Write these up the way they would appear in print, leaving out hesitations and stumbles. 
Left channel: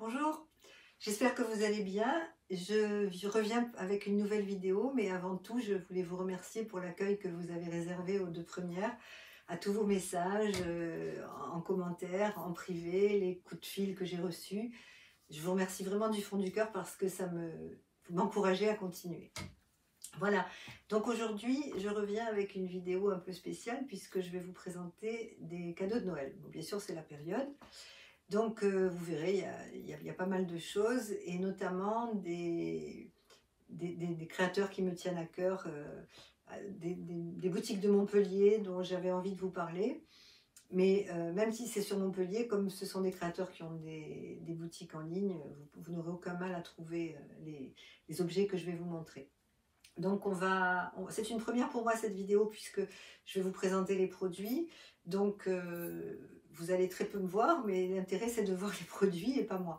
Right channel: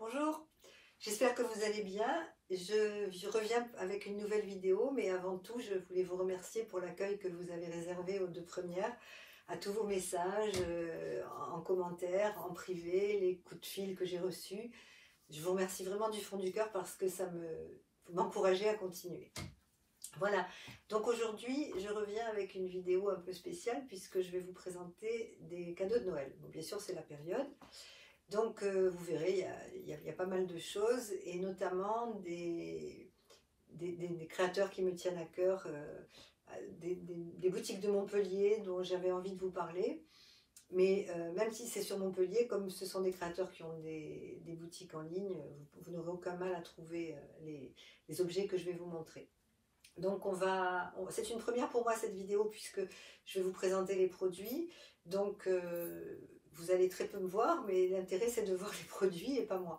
Bonjour, j'espère que vous allez bien. Je reviens avec une nouvelle vidéo, mais avant tout, je voulais vous remercier pour l'accueil que vous avez réservé aux deux premières, à tous vos messages en commentaire, en privé, les coups de fil que j'ai reçus. Je vous remercie vraiment du fond du cœur parce que vous m'encouragez à continuer. Voilà, donc aujourd'hui, je reviens avec une vidéo un peu spéciale puisque je vais vous présenter des cadeaux de Noël. Bon, bien sûr, c'est la période. Donc, vous verrez, il y a pas mal de choses, et notamment des créateurs qui me tiennent à cœur, des boutiques de Montpellier dont j'avais envie de vous parler. Mais même si c'est sur Montpellier, comme ce sont des créateurs qui ont des boutiques en ligne, vous n'aurez aucun mal à trouver les objets que je vais vous montrer. Donc c'est une première pour moi cette vidéo puisque je vais vous présenter les produits. Donc vous allez très peu me voir, mais l'intérêt c'est de voir les produits et pas moi.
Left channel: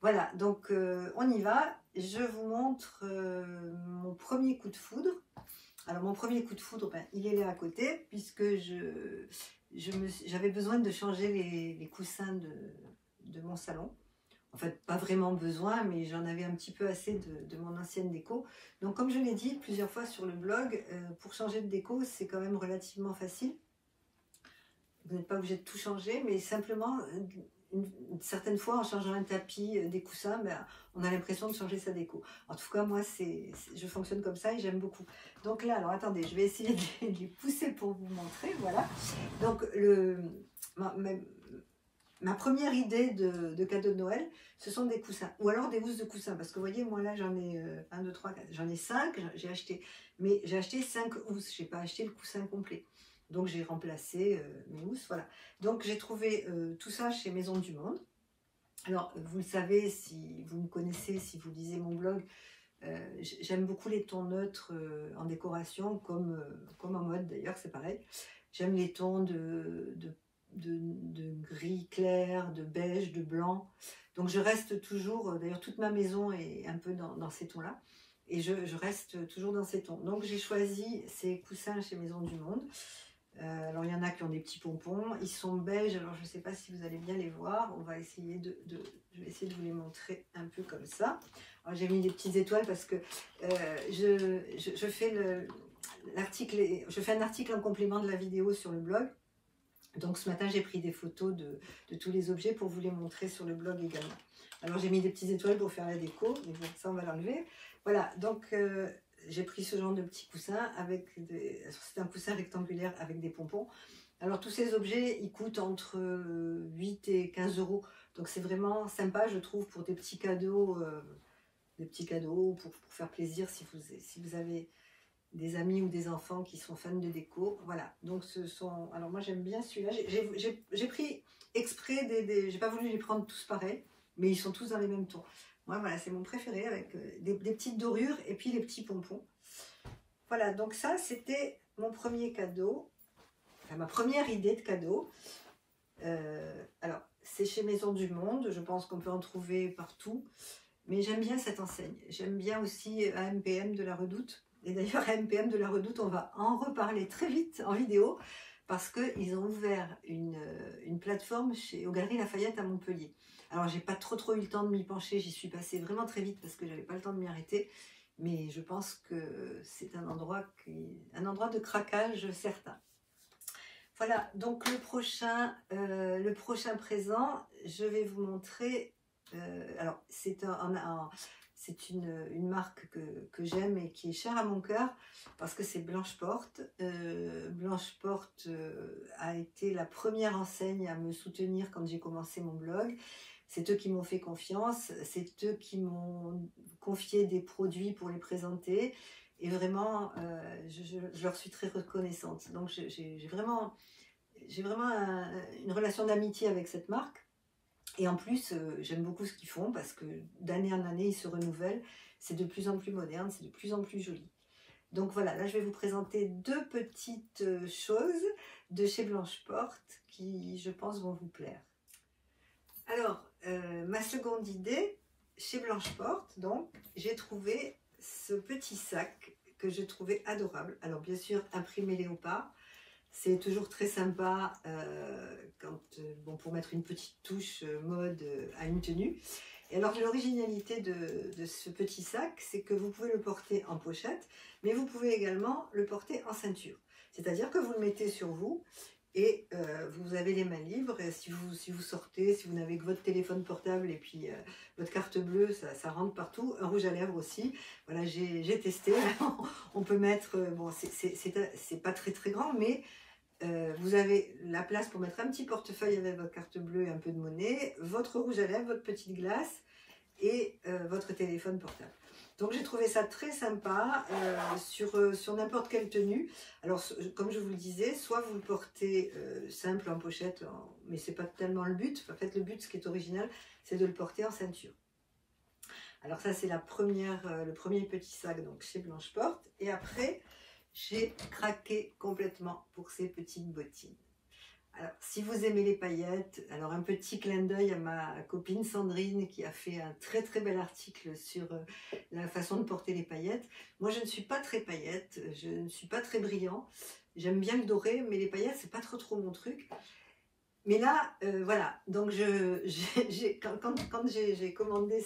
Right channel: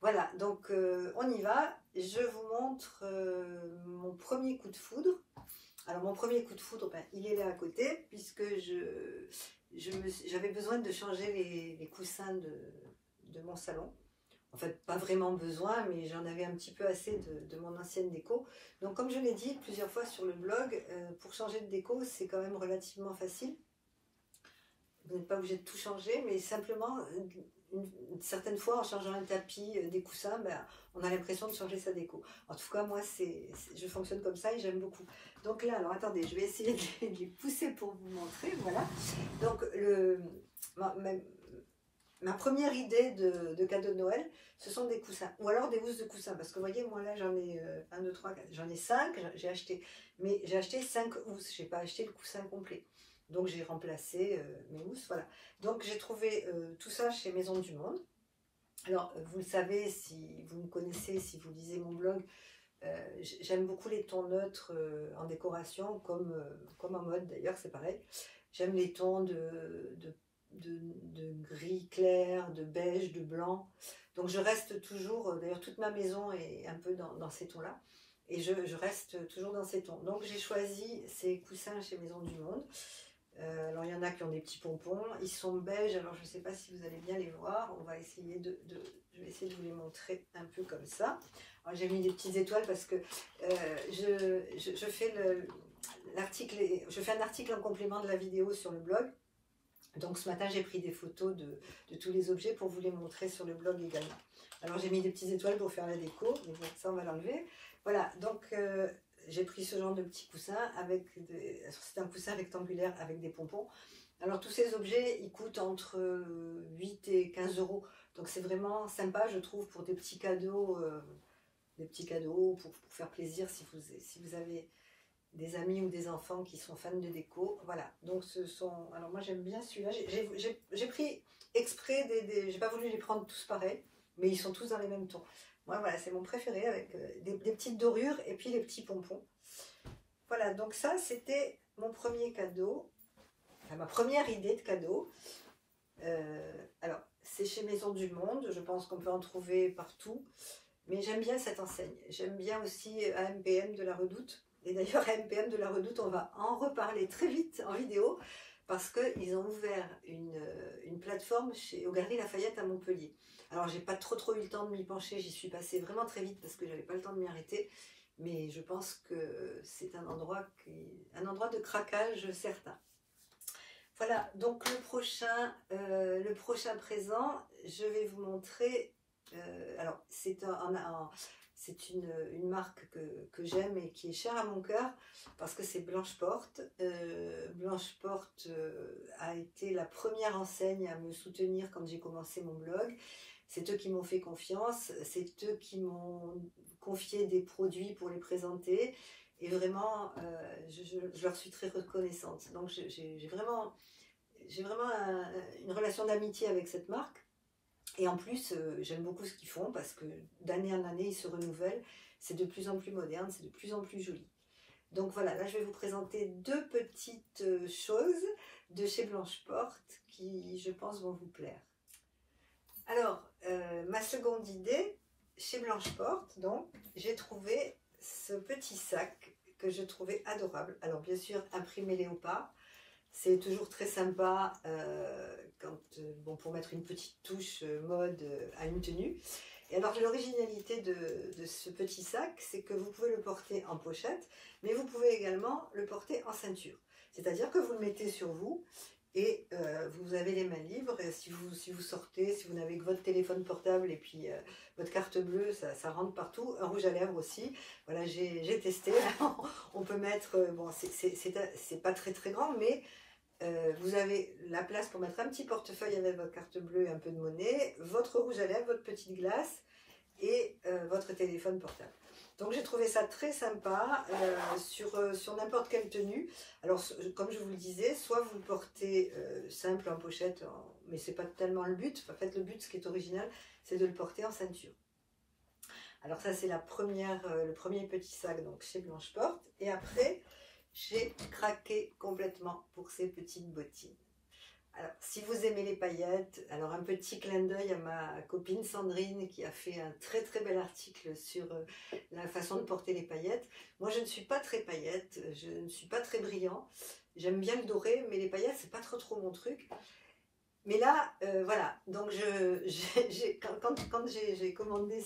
Voilà, donc on y va. Je vous montre mon premier coup de foudre. Alors mon premier coup de foudre, ben, il est là à côté puisque j'avais besoin de changer les coussins de mon salon. En fait, pas vraiment besoin, mais j'en avais un petit peu assez de mon ancienne déco. Donc, comme je l'ai dit plusieurs fois sur le blog, pour changer de déco, c'est quand même relativement facile. Vous n'êtes pas obligé de tout changer, mais simplement, certaines fois, en changeant un tapis, des coussins, ben, on a l'impression de changer sa déco. En tout cas, moi, je fonctionne comme ça et j'aime beaucoup. Donc là, alors attendez, je vais essayer de les pousser pour vous montrer. Voilà. Donc, ma première idée de cadeau de Noël, ce sont des coussins, ou alors des housses de coussins, parce que vous voyez, moi là j'en ai 1, 2, 3, 4, j'en ai 5, j'ai acheté, mais j'ai acheté 5 housses, je n'ai pas acheté le coussin complet. Donc j'ai remplacé mes housses, voilà. Donc j'ai trouvé tout ça chez Maison du Monde. Alors vous le savez, si vous me connaissez, si vous lisez mon blog, j'aime beaucoup les tons neutres en décoration, comme en mode d'ailleurs, c'est pareil. J'aime les tons de gris clair, de beige, de blanc. Donc je reste toujours, d'ailleurs toute ma maison est un peu dans ces tons-là. Et je reste toujours dans ces tons. Donc j'ai choisi ces coussins chez Maison du Monde. Alors il y en a qui ont des petits pompons. Ils sont beiges, alors je ne sais pas si vous allez bien les voir. On va essayer je vais essayer de vous les montrer un peu comme ça. J'ai mis des petites étoiles parce que je fais un article en complément de la vidéo sur le blog. Donc ce matin, j'ai pris des photos de tous les objets pour vous les montrer sur le blog également. Alors j'ai mis des petites étoiles pour faire la déco, mais bon, ça on va l'enlever. Voilà, donc j'ai pris ce genre de petits coussins c'est un coussin rectangulaire avec des pompons. Alors tous ces objets, ils coûtent entre 8 et 15 euros. Donc c'est vraiment sympa, je trouve, pour des petits cadeaux pour faire plaisir si vous avez des amis ou des enfants qui sont fans de déco. Voilà, donc alors moi j'aime bien celui-là. J'ai pris exprès j'ai pas voulu les prendre tous pareils, mais ils sont tous dans les mêmes tons. Moi voilà, c'est mon préféré avec des petites dorures et puis les petits pompons. Voilà, donc ça c'était mon premier cadeau, enfin, ma première idée de cadeau. Alors c'est chez Maison du Monde, je pense qu'on peut en trouver partout, mais j'aime bien cette enseigne. J'aime bien aussi AMPM de la Redoute. Et d'ailleurs, AMPM de la Redoute, on va en reparler très vite en vidéo parce qu'ils ont ouvert une plateforme aux Galeries Lafayette à Montpellier. Alors, j'ai pas trop eu le temps de m'y pencher, j'y suis passée vraiment très vite parce que j'avais pas le temps de m'y arrêter. Mais je pense que c'est un endroit de craquage certain. Voilà, donc le prochain présent, je vais vous montrer. Alors, c'est une marque que j'aime et qui est chère à mon cœur parce que c'est Blanche Porte. Blanche Porte a été la première enseigne à me soutenir quand j'ai commencé mon blog. C'est eux qui m'ont fait confiance, c'est eux qui m'ont confié des produits pour les présenter. Et vraiment, je leur suis très reconnaissante. Donc j'ai vraiment une relation d'amitié avec cette marque. Et en plus, j'aime beaucoup ce qu'ils font parce que d'année en année, ils se renouvellent. C'est de plus en plus moderne, c'est de plus en plus joli. Donc voilà, là, je vais vous présenter deux petites choses de chez Blanche Porte qui, je pense, vont vous plaire. Alors, ma seconde idée, chez Blanche Porte, donc, j'ai trouvé ce petit sac que je trouvais adorable. Alors, bien sûr, imprimé léopard. C'est toujours très sympa bon, pour mettre une petite touche mode à une tenue. Et alors l'originalité de ce petit sac, c'est que vous pouvez le porter en pochette, mais vous pouvez également le porter en ceinture. C'est-à-dire que vous le mettez sur vous et vous avez les mains libres. Et si vous sortez, si vous n'avez que votre téléphone portable et puis votre carte bleue, ça rentre partout. Un rouge à lèvres aussi. Voilà, j'ai testé. On peut mettre, bon, c'est pas très très grand, mais vous avez la place pour mettre un petit portefeuille avec votre carte bleue et un peu de monnaie, votre rouge à lèvres, votre petite glace et votre téléphone portable. Donc j'ai trouvé ça très sympa sur n'importe quelle tenue. Alors comme je vous le disais, soit vous le portez simple en pochette, mais c'est pas tellement le but. En fait le but, ce qui est original, c'est de le porter en ceinture. Alors ça c'est le premier petit sac donc chez Blanche Porte. Et après j'ai craqué complètement pour ces petites bottines. Alors, si vous aimez les paillettes, alors un petit clin d'œil à ma copine Sandrine qui a fait un très très bel article sur la façon de porter les paillettes. Moi, je ne suis pas très paillette, je ne suis pas très brillant. J'aime bien le doré, mais les paillettes, c'est pas trop mon truc. Mais là, voilà, donc quand j'ai commandé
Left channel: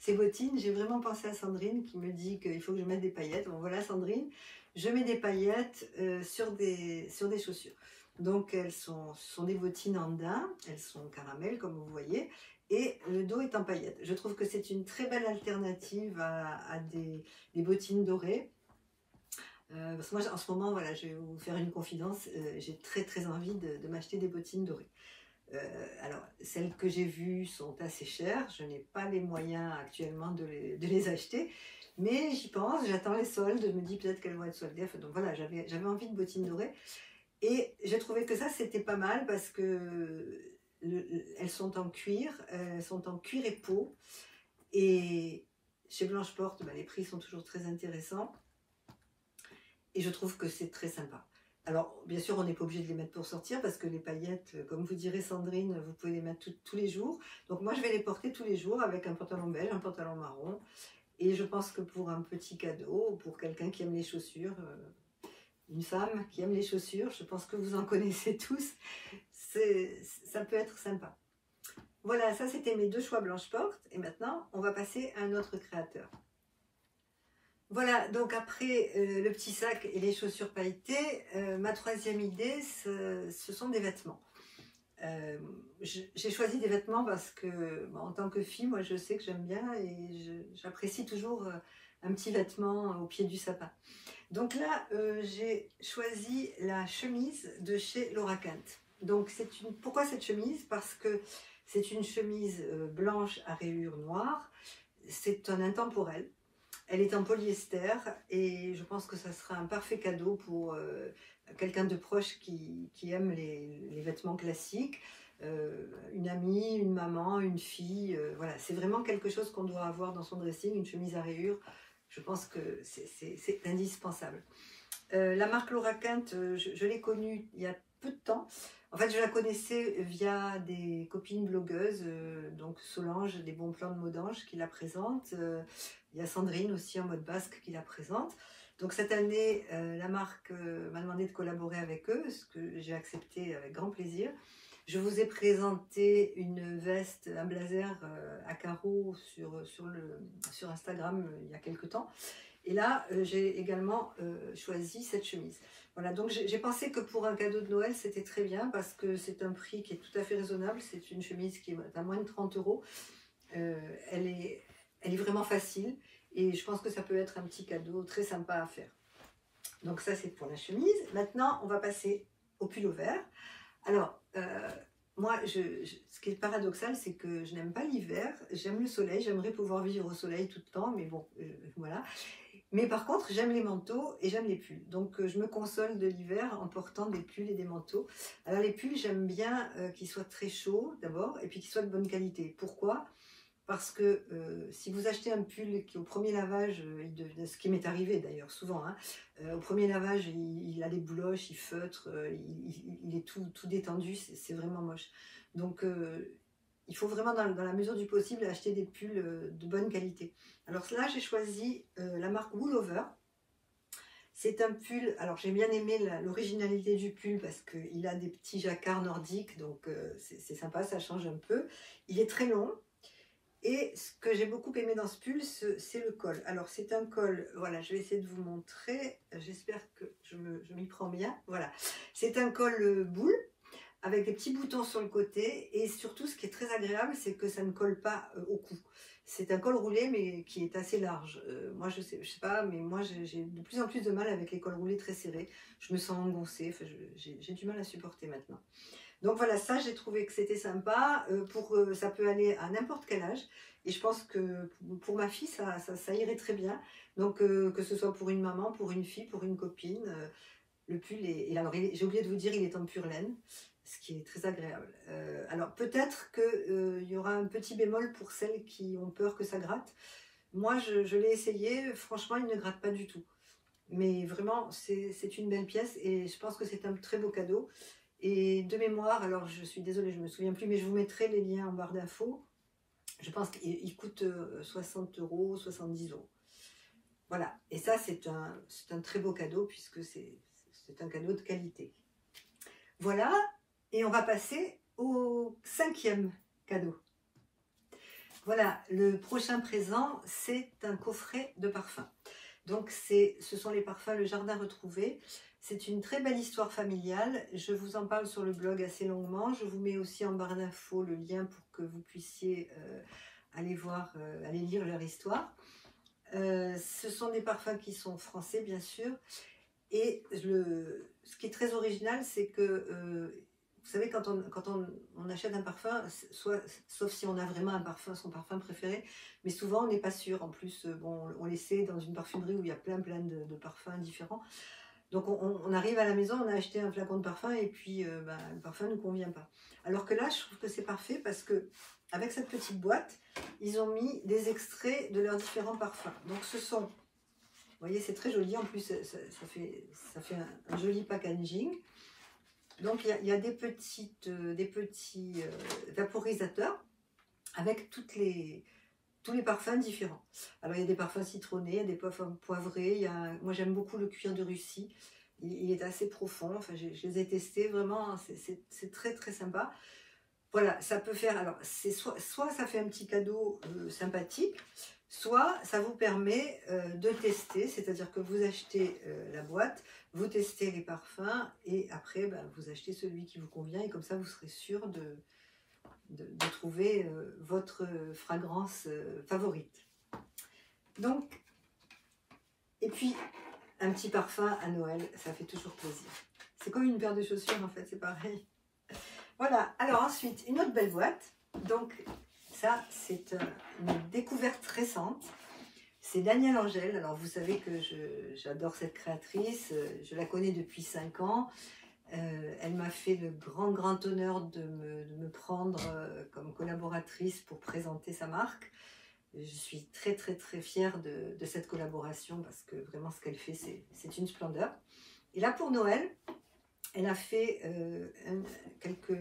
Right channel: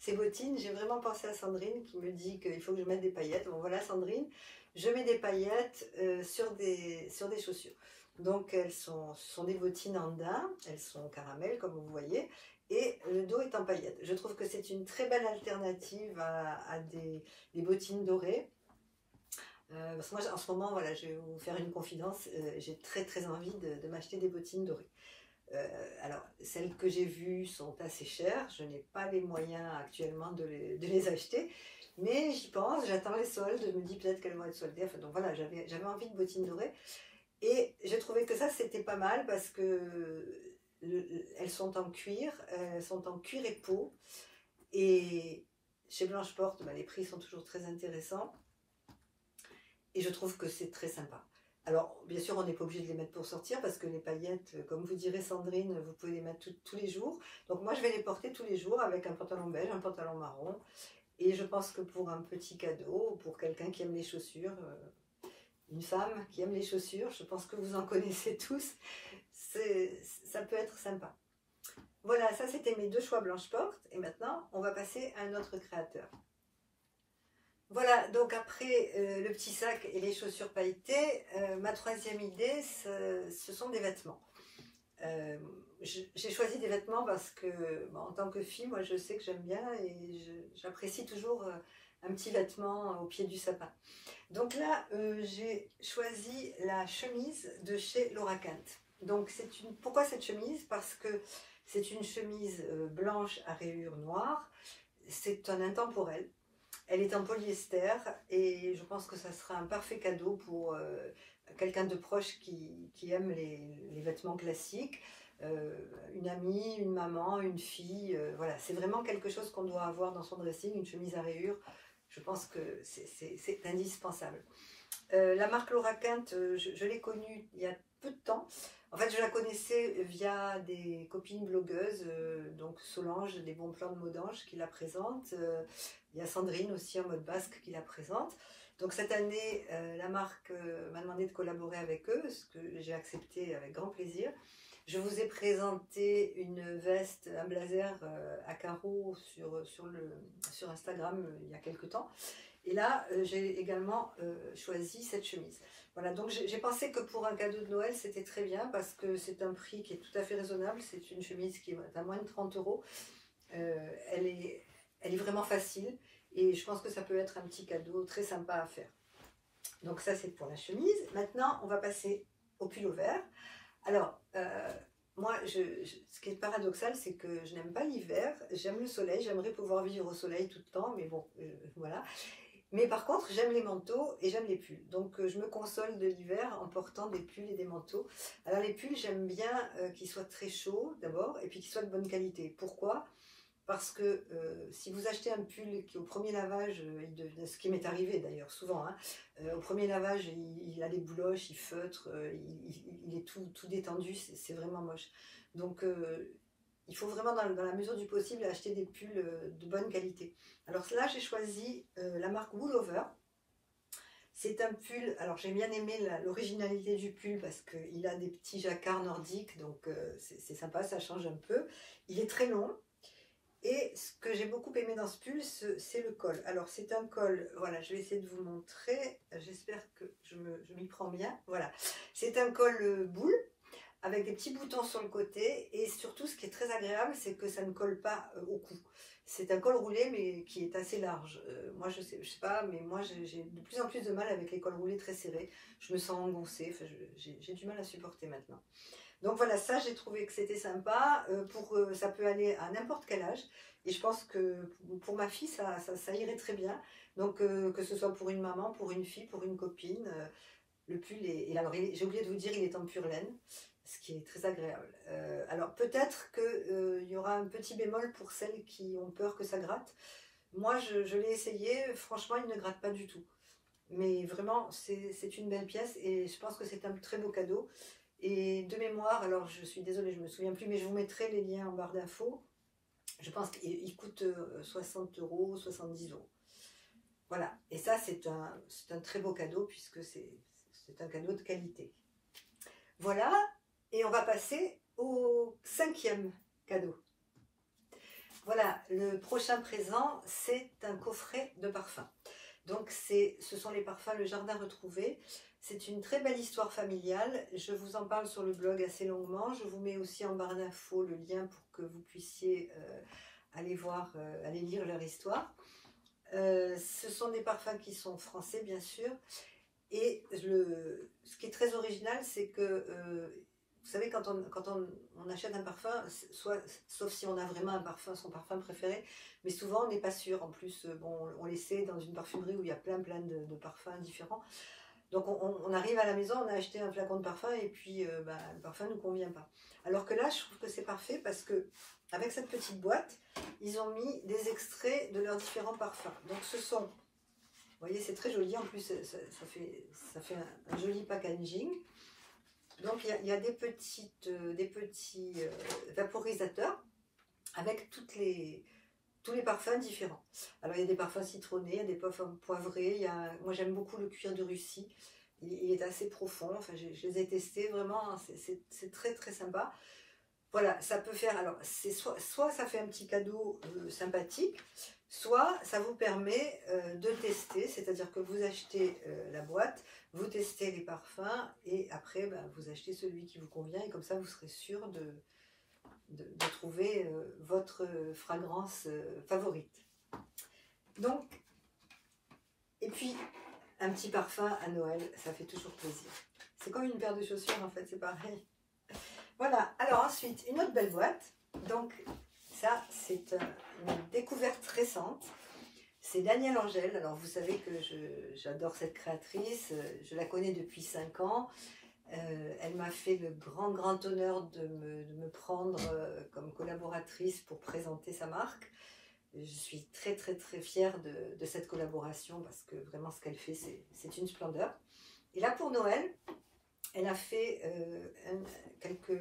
ces bottines, j'ai vraiment pensé à Sandrine qui me dit qu'il faut que je mette des paillettes. Bon, voilà Sandrine, je mets des paillettes sur des chaussures. Donc ce sont des bottines en daim, elles sont caramel comme vous voyez, et le dos est en paillettes. Je trouve que c'est une très belle alternative à des bottines dorées. Parce que moi en ce moment, voilà, je vais vous faire une confidence, j'ai très envie de m'acheter des bottines dorées. Alors celles que j'ai vues sont assez chères, je n'ai pas les moyens actuellement de les acheter, mais j'y pense, j'attends les soldes, je me dis peut-être qu'elles vont être soldées. Enfin, donc voilà, j'avais envie de bottines dorées. Et j'ai trouvé que ça c'était pas mal parce que elles sont en cuir et peau. Et chez Blanche Porte, les prix sont toujours très intéressants. Et je trouve que c'est très sympa. Alors bien sûr on n'est pas obligé de les mettre pour sortir parce que les paillettes, comme vous direz Sandrine, vous pouvez les mettre tous les jours. Donc moi je vais les porter tous les jours avec un pantalon beige, un pantalon marron. Et je pense que pour un petit cadeau, pour quelqu'un qui aime les chaussures, une femme qui aime les chaussures, je pense que vous en connaissez tous, ça peut être sympa. Voilà, ça c'était mes deux choix Blanche Porte. Et maintenant, on va passer à un autre créateur. Voilà, donc après le petit sac et les chaussures pailletées, ma troisième idée, ce sont des vêtements. J'ai choisi des vêtements parce que, bon, en tant que fille, moi je sais que j'aime bien et j'apprécie toujours un petit vêtement au pied du sapin. Donc là, j'ai choisi la chemise de chez Laura Kent. Donc pourquoi cette chemise? Parce que c'est une chemise blanche à rayures noires. C'est un intemporel. Elle est en polyester et je pense que ça sera un parfait cadeau pour quelqu'un de proche qui aime les vêtements classiques. Une amie, une maman, une fille. Voilà, c'est vraiment quelque chose qu'on doit avoir dans son dressing, une chemise à rayures. Je pense que c'est indispensable. La marque Laura Kent, je l'ai connue il y a peu de temps. En fait, je la connaissais via des copines blogueuses, donc Solange, des bons plans de Modange qui la présente. Il y a Sandrine aussi en mode basque qui la présente. Donc cette année, la marque m'a demandé de collaborer avec eux, ce que j'ai accepté avec grand plaisir. Je vous ai présenté une veste, un blazer à carreaux sur Instagram il y a quelques temps. Et là, j'ai également choisi cette chemise. Voilà, donc j'ai pensé que pour un cadeau de Noël, c'était très bien parce que c'est un prix qui est tout à fait raisonnable. C'est une chemise qui est à moins de 30 €. Elle est vraiment facile et je pense que ça peut être un petit cadeau très sympa à faire. Donc ça, c'est pour la chemise. Maintenant, on va passer au pull vert. Alors, moi, ce qui est paradoxal, c'est que je n'aime pas l'hiver. J'aime le soleil. J'aimerais pouvoir vivre au soleil tout le temps, mais bon, voilà. Mais par contre, j'aime les manteaux et j'aime les pulls. Donc, je me console de l'hiver en portant des pulls et des manteaux. Alors, les pulls, j'aime bien qu'ils soient très chauds d'abord et puis qu'ils soient de bonne qualité. Pourquoi ? Parce que si vous achetez un pull qui au premier lavage, ce qui m'est arrivé d'ailleurs souvent, hein, au premier lavage il a des bouloches, il feutre, il est tout détendu, c'est vraiment moche. Donc il faut vraiment dans la mesure du possible acheter des pulls de bonne qualité. Alors là j'ai choisi la marque Woolover. C'est un pull, alors j'ai bien aimé l'originalité du pull parce qu'il a des petits jacquards nordiques, donc c'est sympa, ça change un peu. Il est très long. Et ce que j'ai beaucoup aimé dans ce pull, c'est le col. Alors c'est un col, voilà, je vais essayer de vous montrer, j'espère que je m'y prends bien. Voilà, c'est un col boule avec des petits boutons sur le côté, et surtout ce qui est très agréable, c'est que ça ne colle pas au cou. C'est un col roulé mais qui est assez large. Moi je sais pas, mais moi j'ai de plus en plus de mal avec les cols roulés très serrés. Je me sens engoncée, enfin, j'ai du mal à supporter maintenant. Donc voilà, ça j'ai trouvé que c'était sympa, ça peut aller à n'importe quel âge, et je pense que pour ma fille ça irait très bien, donc que ce soit pour une maman, pour une fille, pour une copine, le pull est, et alors j'ai oublié de vous dire, il est en pure laine, ce qui est très agréable. Alors peut-être qu'il y aura un petit bémol pour celles qui ont peur que ça gratte. Moi je l'ai essayé, franchement il ne gratte pas du tout, mais vraiment c'est une belle pièce, et je pense que c'est un très beau cadeau. Et de mémoire, alors je suis désolée, je ne me souviens plus, mais je vous mettrai les liens en barre d'infos. Je pense qu'il coûte 60 €, 70 €. Voilà, et ça c'est un très beau cadeau puisque c'est un cadeau de qualité. Voilà, et on va passer au 5e cadeau. Voilà, le prochain présent, c'est un coffret de parfums. Donc ce sont les parfums Le Jardin Retrouvé. C'est une très belle histoire familiale. Je vous en parle sur le blog assez longuement. Je vous mets aussi en barre d'infos le lien pour que vous puissiez aller voir, aller lire leur histoire. Ce sont des parfums qui sont français, bien sûr. Et ce qui est très original, c'est que, vous savez, quand on achète un parfum, sauf si on a vraiment son parfum préféré, mais souvent on n'est pas sûr. En plus, bon, on l'essaie dans une parfumerie où il y a plein de parfums différents. Donc on arrive à la maison, on a acheté un flacon de parfum et puis le parfum ne nous convient pas. Alors que là, je trouve que c'est parfait parce que avec cette petite boîte, ils ont mis des extraits de leurs différents parfums. Donc ce sont, vous voyez, c'est très joli. En plus, ça fait un joli packaging. Donc il y a des petits vaporisateurs avec tous les parfums différents. Alors il y a des parfums citronnés, des parfums poivrés. Moi j'aime beaucoup le cuir de Russie. Il est assez profond. Enfin, je les ai testés vraiment. C'est très très sympa. Voilà, ça peut faire. Alors c'est soit ça fait un petit cadeau sympathique, soit ça vous permet de tester. C'est-à-dire que vous achetez la boîte, vous testez les parfums et après vous achetez celui qui vous convient, et comme ça vous serez sûr de trouver votre fragrance favorite. Donc, et puis un petit parfum à Noël, ça fait toujours plaisir. C'est comme une paire de chaussures en fait, c'est pareil. Voilà, alors ensuite une autre belle boîte. Donc ça c'est une découverte récente. C'est Danielle Angèle. Alors vous savez que j'adore cette créatrice, je la connais depuis 5 ans. Elle m'a fait le grand honneur de me prendre comme collaboratrice pour présenter sa marque. Je suis très fière de cette collaboration parce que vraiment ce qu'elle fait, c'est une splendeur. Et là pour Noël, elle a fait quelques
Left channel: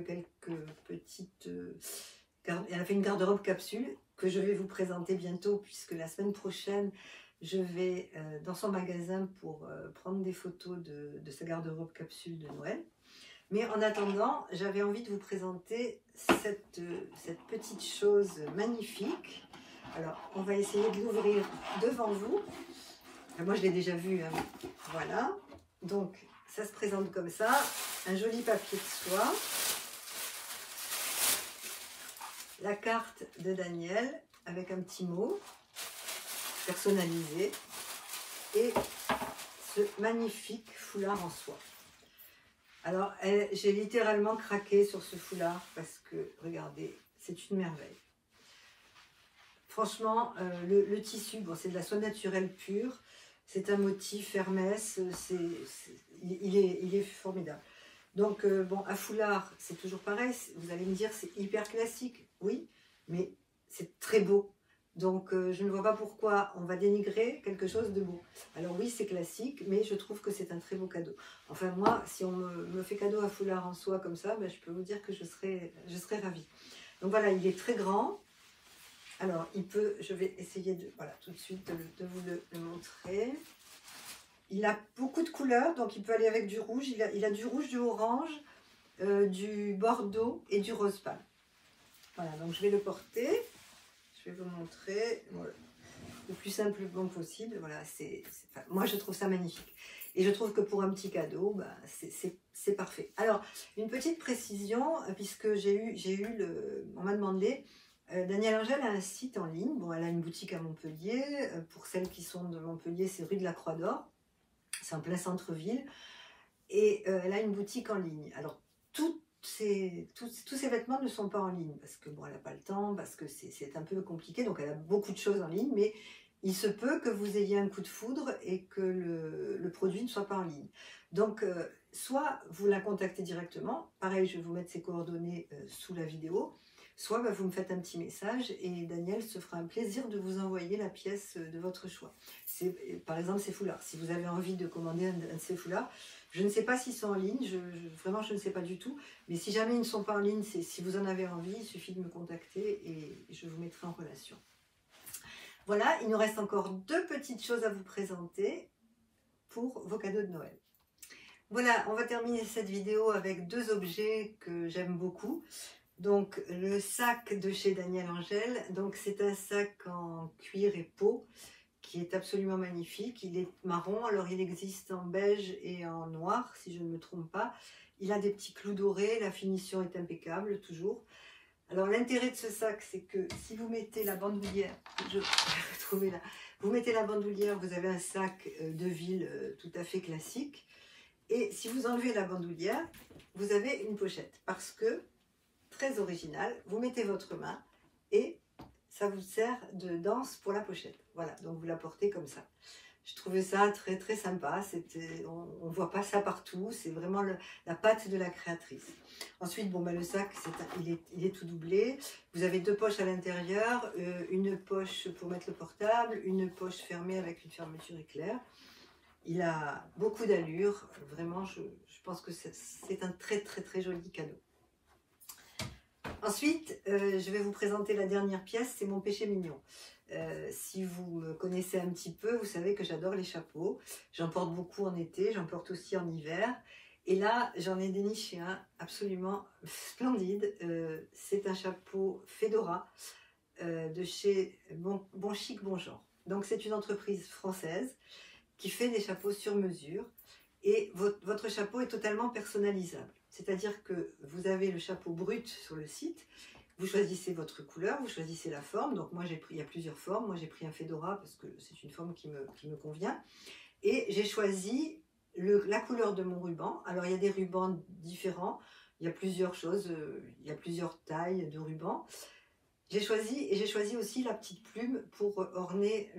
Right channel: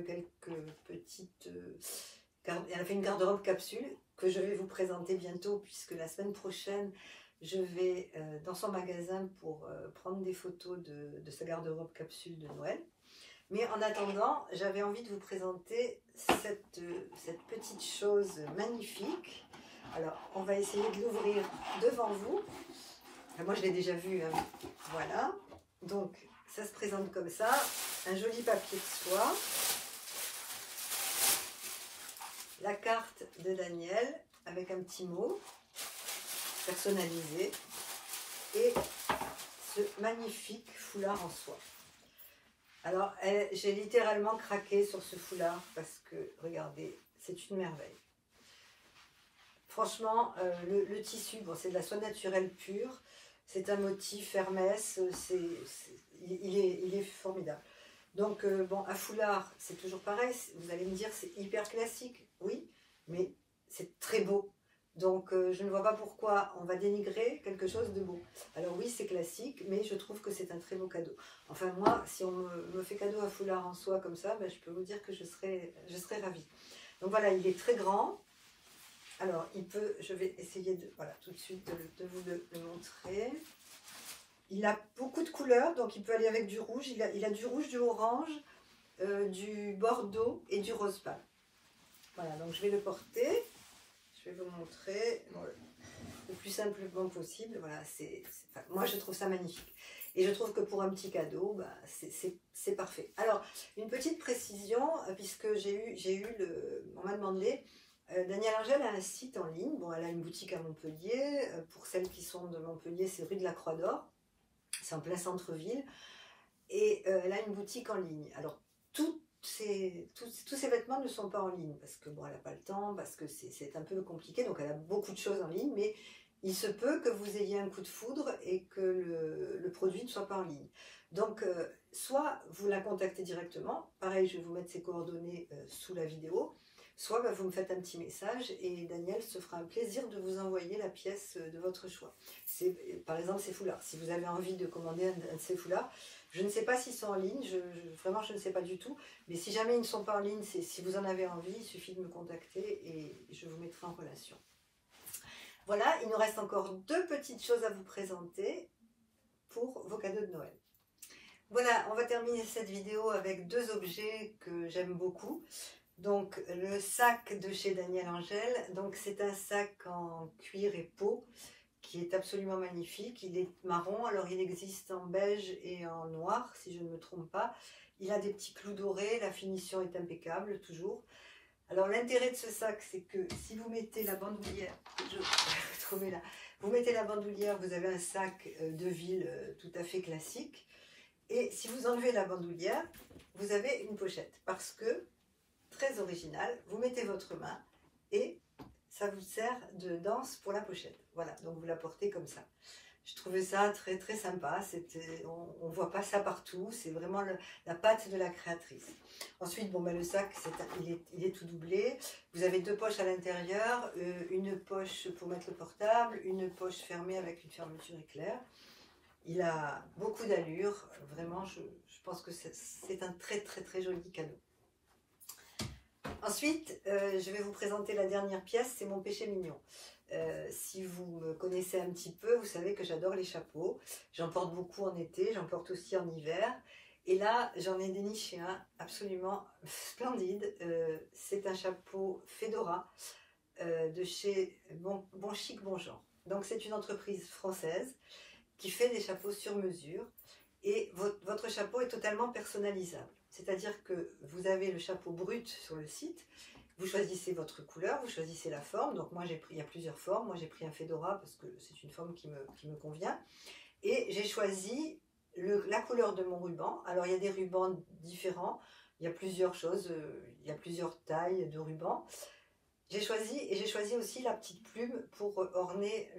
petites... elle a fait une garde-robe capsule que je vais vous présenter bientôt, puisque la semaine prochaine, je vais dans son magasin pour prendre des photos de sa garde-robe capsule de Noël. Mais en attendant, j'avais envie de vous présenter cette petite chose magnifique. Alors, on va essayer de l'ouvrir devant vous. Moi, je l'ai déjà vu. Hein. Voilà. Donc, ça se présente comme ça. Un joli papier de soie. La carte de Danielle avec un petit mot personnalisé. Et ce magnifique foulard en soie. Alors, j'ai littéralement craqué sur ce foulard parce que, regardez, c'est une merveille. Franchement, le tissu, bon, c'est de la soie naturelle pure. C'est un motif Hermès, il est formidable. Donc, bon, un foulard, c'est toujours pareil. Vous allez me dire, c'est hyper classique. Oui, mais c'est très beau. Donc, je ne vois pas pourquoi on va dénigrer quelque chose de beau. Alors oui, c'est classique, mais je trouve que c'est un très beau cadeau. Enfin, moi, si on me fait cadeau un foulard en soie comme ça, je peux vous dire que je serais ravie. Donc voilà, il est très grand. Alors, je vais essayer de, voilà, tout de suite de vous le montrer. Il a beaucoup de couleurs, donc il peut aller avec du rouge. Il a du rouge, du orange, du bordeaux et du rose pâle. Voilà, donc je vais le porter. Je vais vous montrer le plus simplement possible. Voilà, enfin, moi je trouve ça magnifique. Et je trouve que pour un petit cadeau, bah, c'est parfait. Alors, une petite précision, puisque on m'a demandé, Danielle Angèle a un site en ligne. Bon, elle a une boutique à Montpellier. Pour celles qui sont de Montpellier, c'est rue de la Croix d'Or. C'est en plein centre-ville. Et elle a une boutique en ligne. Alors, tous ces vêtements ne sont pas en ligne parce que bon, elle n'a pas le temps, parce que c'est un peu compliqué. Donc, elle a beaucoup de choses en ligne, mais il se peut que vous ayez un coup de foudre et que le produit ne soit pas en ligne. Donc, soit vous la contactez directement. Pareil, je vais vous mettre ses coordonnées sous la vidéo. Soit bah, vous me faites un petit message et Daniel se fera un plaisir de vous envoyer la pièce de votre choix. Par exemple, ces foulards. Si vous avez envie de commander un de ces foulards, je ne sais pas s'ils sont en ligne, vraiment je ne sais pas du tout. Mais si jamais ils ne sont pas en ligne, si vous en avez envie, il suffit de me contacter et je vous mettrai en relation. Voilà, il nous reste encore 2 petites choses à vous présenter pour vos cadeaux de Noël. Voilà, on va terminer cette vidéo avec 2 objets que j'aime beaucoup. Donc le sac de chez Danielle Angèle, donc c'est un sac en cuir et peau qui est absolument magnifique. Il est marron, alors il existe en beige et en noir si je ne me trompe pas. Il a des petits clous dorés, la finition est impeccable toujours. Alors l'intérêt de ce sac, c'est que si vous mettez la bandoulière, vous mettez la bandoulière, vous avez un sac de ville tout à fait classique. Et si vous enlevez la bandoulière, vous avez une pochette parce que très original, vous mettez votre main et ça vous sert de danse pour la pochette. Voilà, donc vous la portez comme ça. Je trouvais ça très très sympa, on ne voit pas ça partout, c'est vraiment la patte de la créatrice. Ensuite, bon, ben, le sac, il est tout doublé. Vous avez 2 poches à l'intérieur, une poche pour mettre le portable, une poche fermée avec une fermeture éclair. Il a beaucoup d'allure, vraiment, je pense que c'est un très très très joli cadeau. Ensuite, je vais vous présenter la dernière pièce, c'est mon péché mignon. Si vous me connaissez un petit peu, vous savez que j'adore les chapeaux. J'en porte beaucoup en été, j'en porte aussi en hiver. Et là, j'en ai déniché un absolument splendide. C'est un chapeau Fedora de chez Bon Chic Bon Genre. Donc c'est une entreprise française qui fait des chapeaux sur mesure. Et votre chapeau est totalement personnalisable. C'est-à-dire que vous avez le chapeau brut sur le site, vous choisissez votre couleur, vous choisissez la forme. Donc moi, il y a plusieurs formes. Moi, j'ai pris un Fedora parce que c'est une forme qui me convient. Et j'ai choisi la couleur de mon ruban. Alors, il y a des rubans différents. Il y a plusieurs choses. Il y a plusieurs tailles de rubans. J'ai choisi aussi la petite plume pour orner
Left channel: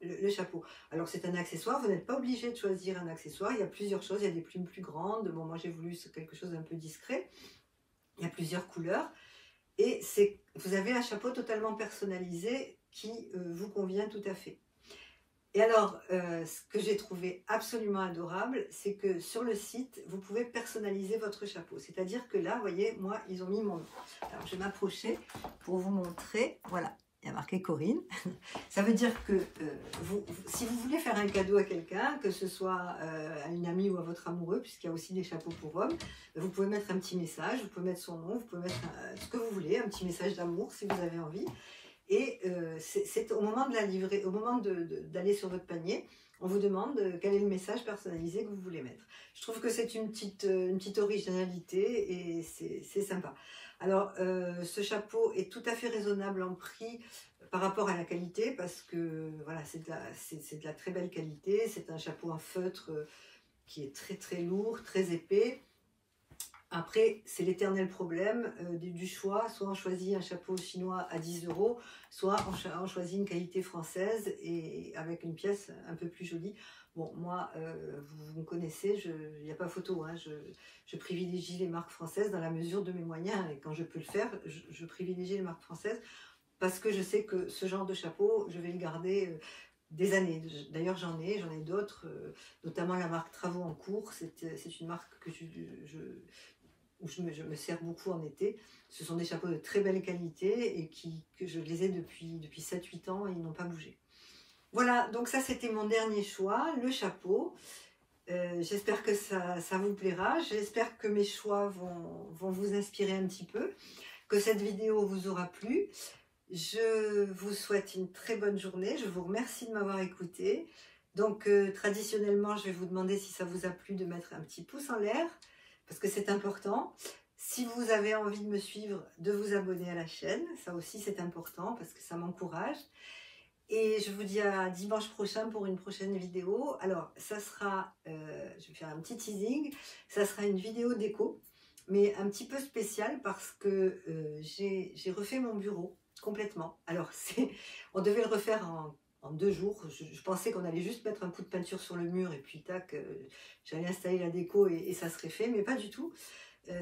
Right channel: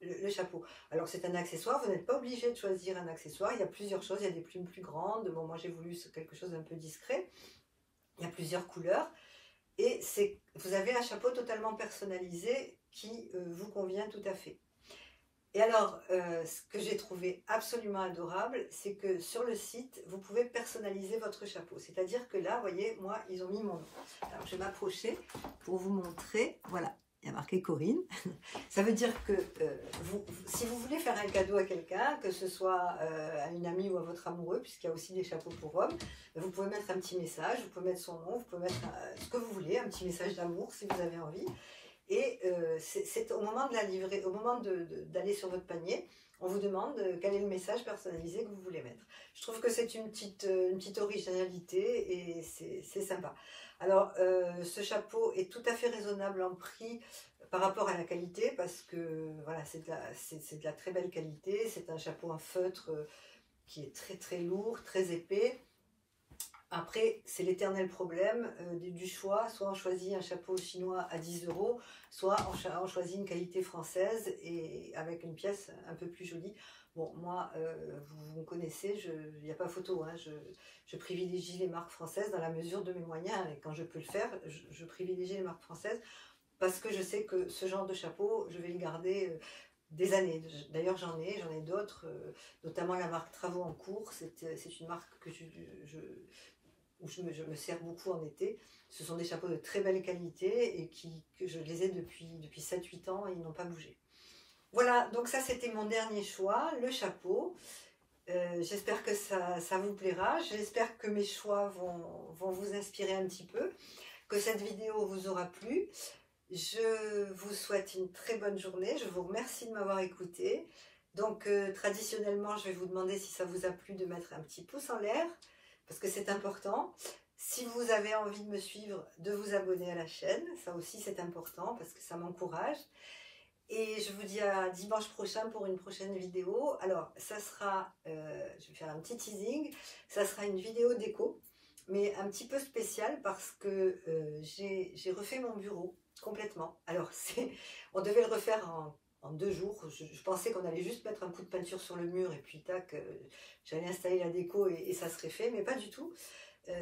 le chapeau. Alors c'est un accessoire, vous n'êtes pas obligé de choisir un accessoire, il y a plusieurs choses, il y a des plumes plus grandes, bon, moi j'ai voulu quelque chose d'un peu discret, il y a plusieurs couleurs, et vous avez un chapeau totalement personnalisé qui vous convient tout à fait. Et alors, ce que j'ai trouvé absolument adorable, c'est que sur le site, vous pouvez personnaliser votre chapeau. C'est-à-dire que là, vous voyez, moi, ils ont mis mon nom. Alors, je vais m'approcher pour vous montrer. Voilà, il y a marqué Corinne. Ça veut dire que si vous voulez faire un cadeau à quelqu'un, que ce soit à une amie ou à votre amoureux, puisqu'il y a aussi des chapeaux pour hommes, vous pouvez mettre un petit message, vous pouvez mettre son nom, vous pouvez mettre ce que vous voulez, un petit message d'amour si vous avez envie. Et c'est au moment de la livrer, au moment d'aller sur votre panier, on vous demande quel est le message personnalisé que vous voulez mettre. Je trouve que c'est une petite originalité et c'est sympa. Alors, ce chapeau est tout à fait raisonnable en prix par rapport à la qualité parce que voilà, c'est de la très belle qualité. C'est un chapeau en feutre qui est très très lourd, très épais. Après, c'est l'éternel problème du choix. Soit on choisit un chapeau chinois à 10 €, soit on choisit une qualité française et avec une pièce un peu plus jolie. Bon, moi, vous me connaissez, il n'y a pas photo, hein, je privilégie les marques françaises dans la mesure de mes moyens. Et quand je peux le faire, je privilégie les marques françaises parce que je sais que ce genre de chapeau, je vais le garder des années. D'ailleurs, j'en ai d'autres, notamment la marque Travaux en cours. C'est une marque que où je me sers beaucoup en été. Ce sont des chapeaux de très belle qualité et que je les ai depuis 7-8 ans et ils n'ont pas bougé. Voilà, donc ça c'était mon dernier choix, le chapeau. J'espère que ça vous plaira, j'espère que mes choix vont vous inspirer un petit peu, que cette vidéo vous aura plu. Je vous souhaite une très bonne journée, je vous remercie de m'avoir écouté. Donc traditionnellement, je vais vous demander si ça vous a plu de mettre un petit pouce en l'air, parce que c'est important. Si vous avez envie de me suivre, de vous abonner à la chaîne, ça aussi c'est important parce que ça m'encourage. Et je vous dis à dimanche prochain pour une prochaine vidéo. Alors, ça sera, je vais faire un petit teasing, ça sera une vidéo déco, mais un petit peu spéciale parce que j'ai refait mon bureau complètement. Alors, on devait le refaire en 2 jours. Je pensais qu'on allait juste mettre un coup de peinture sur le mur et puis tac, j'allais installer la déco et ça serait fait, mais pas du tout.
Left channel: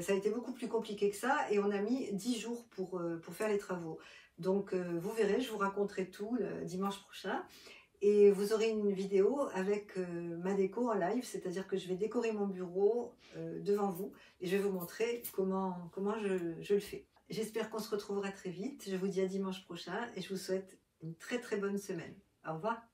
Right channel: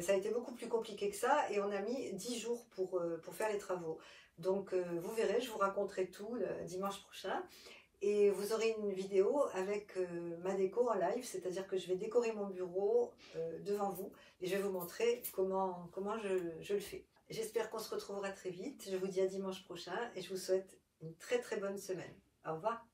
Ça a été beaucoup plus compliqué que ça et on a mis 10 jours pour faire les travaux. Donc vous verrez, je vous raconterai tout le dimanche prochain et vous aurez une vidéo avec ma déco en live, c'est-à-dire que je vais décorer mon bureau devant vous et je vais vous montrer comment je le fais. J'espère qu'on se retrouvera très vite, je vous dis à dimanche prochain et je vous souhaite une très très bonne semaine. Au revoir.